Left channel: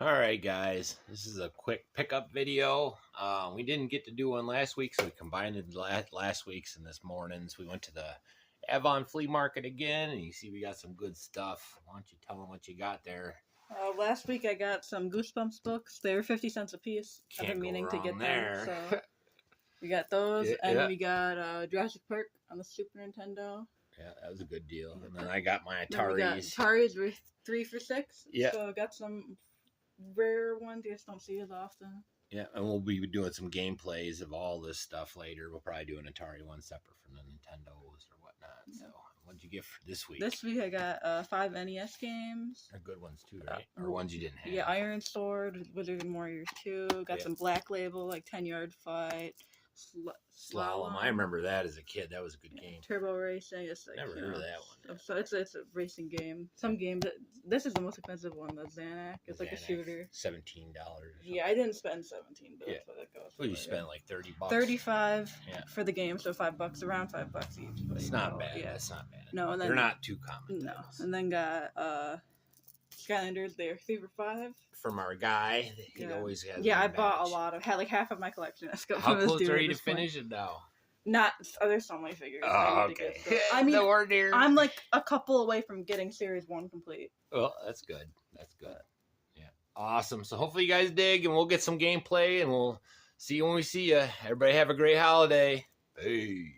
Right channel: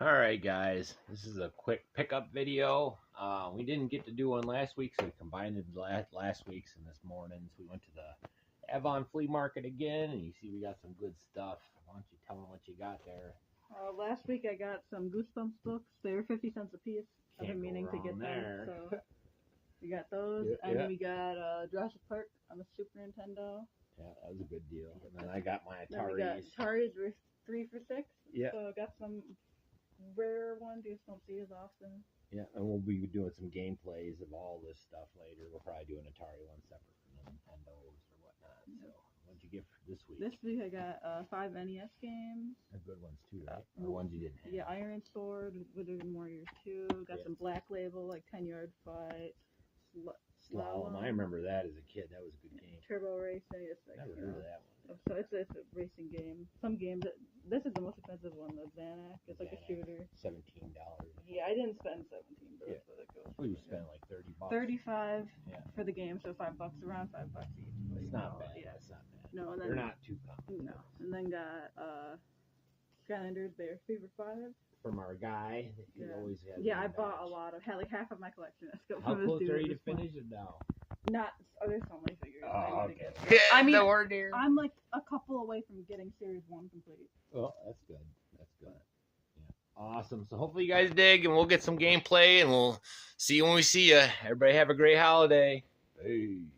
All right, guys, this is a quick pickup video. We didn't get to do one last week, so we combined last week's and this morning's. We went to the Avon Flea Market again, and you see we got some good stuff. Why don't you tell them what you got there? Last week I got some Goosebumps books. They were 50 cents a piece. I've been meaning to get there. them. So we got those, Yeah, and yeah. we got Jurassic Park on the Super Nintendo. Yeah, that was a good deal. And then I got my Then we got Ataris. Ataris were 3 for $6. Yeah. So I got some rare ones you just don't see as often. Yeah, and we'll be doing some gameplays of all this stuff later. We'll probably do an Atari one separate from the Nintendos or whatnot. So, what'd you get for this week? This week I got 5 NES games. They're good ones too, right? Or ones you didn't have? Yeah, Iron Sword, Wizard and Warriors 2. Got some Black Label, like 10-Yard Fight. Slalom. I remember that as a kid. That was a good game. Turbo Racing. It's like, Never heard of that one. So it's a racing game. Some games. This is the most expensive one. The Xanax. It's like a shooter. $17. Yeah, I didn't spend 17, but yeah. that's what that goes. Well, you spent like $30. 35 yeah. for the game, so $5, around $5 each. It's not bad. Yeah, it's not bad. No, and then, they're not too common. No, and then got Skylanders. They're 3 for $5. From our guy, he always has. Yeah, I bought a lot of. Had like half of my collection. How close are you to finish it now? Not. There's so many figures. Oh, okay. I mean, no, I'm like a couple away from getting Series 1 complete. Well, that's good. That's good. Yeah. Awesome. So hopefully you guys dig, and we'll get some gameplay, and we'll see you when we see you. Everybody have a great holiday. Hey.